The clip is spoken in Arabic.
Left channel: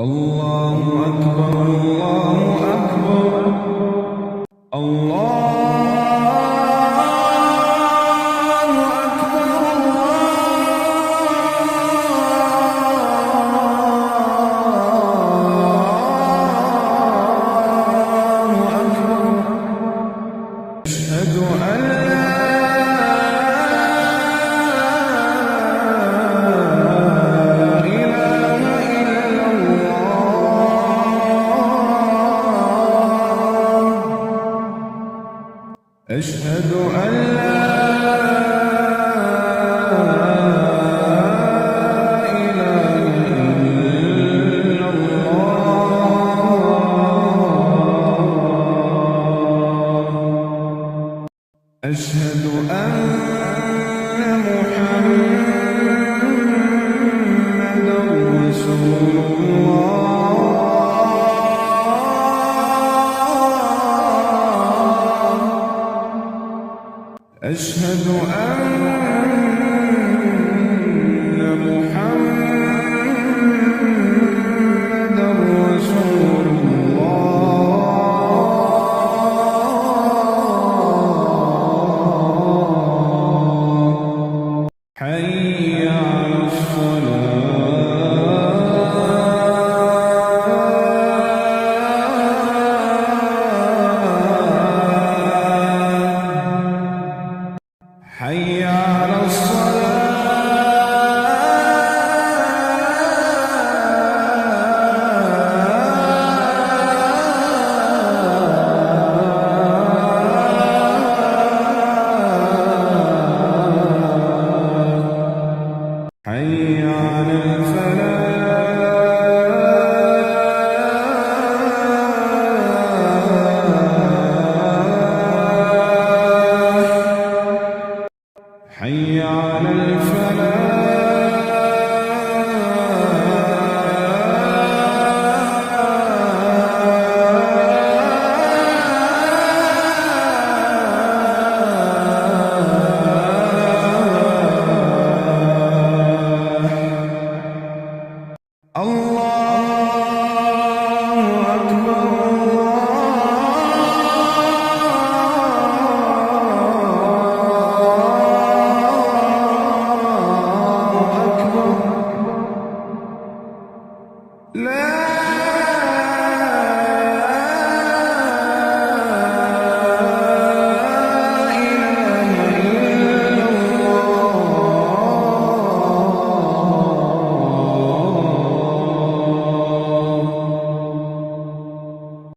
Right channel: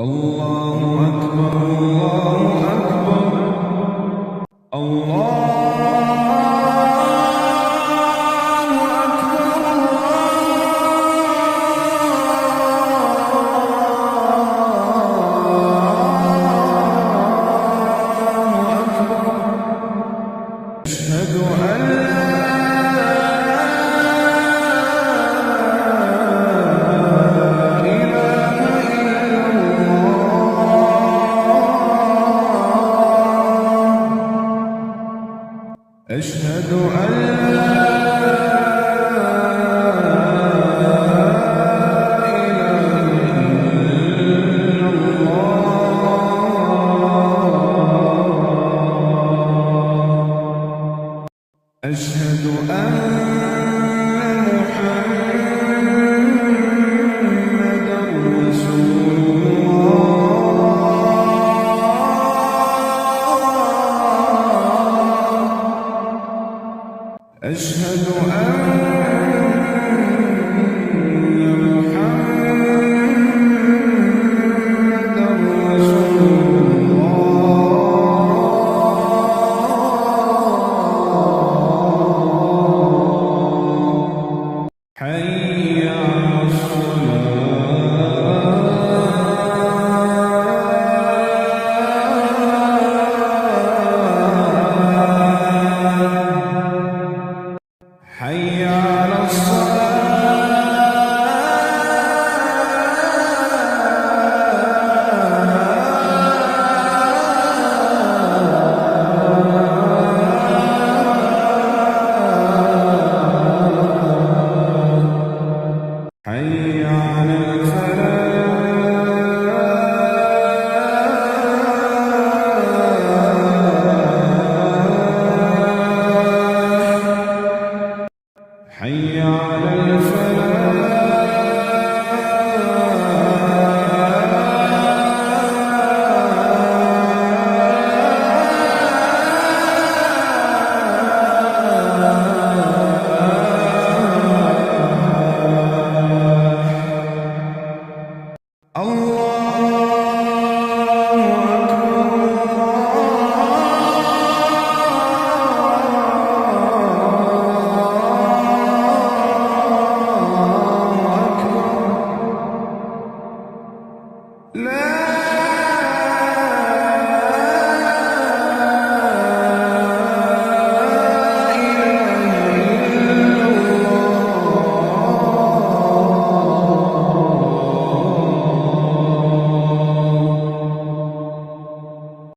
الله أكبر الله أكبر الله أكبر الله أكبر أشهد أن لا أشهد أن لا إله إلا الله أشهد أن محمدًا رسول الله أشهد أن محمدًا رسول الله حي على حي على الصلاة حي على حي على الله أكبر الله أكبر لا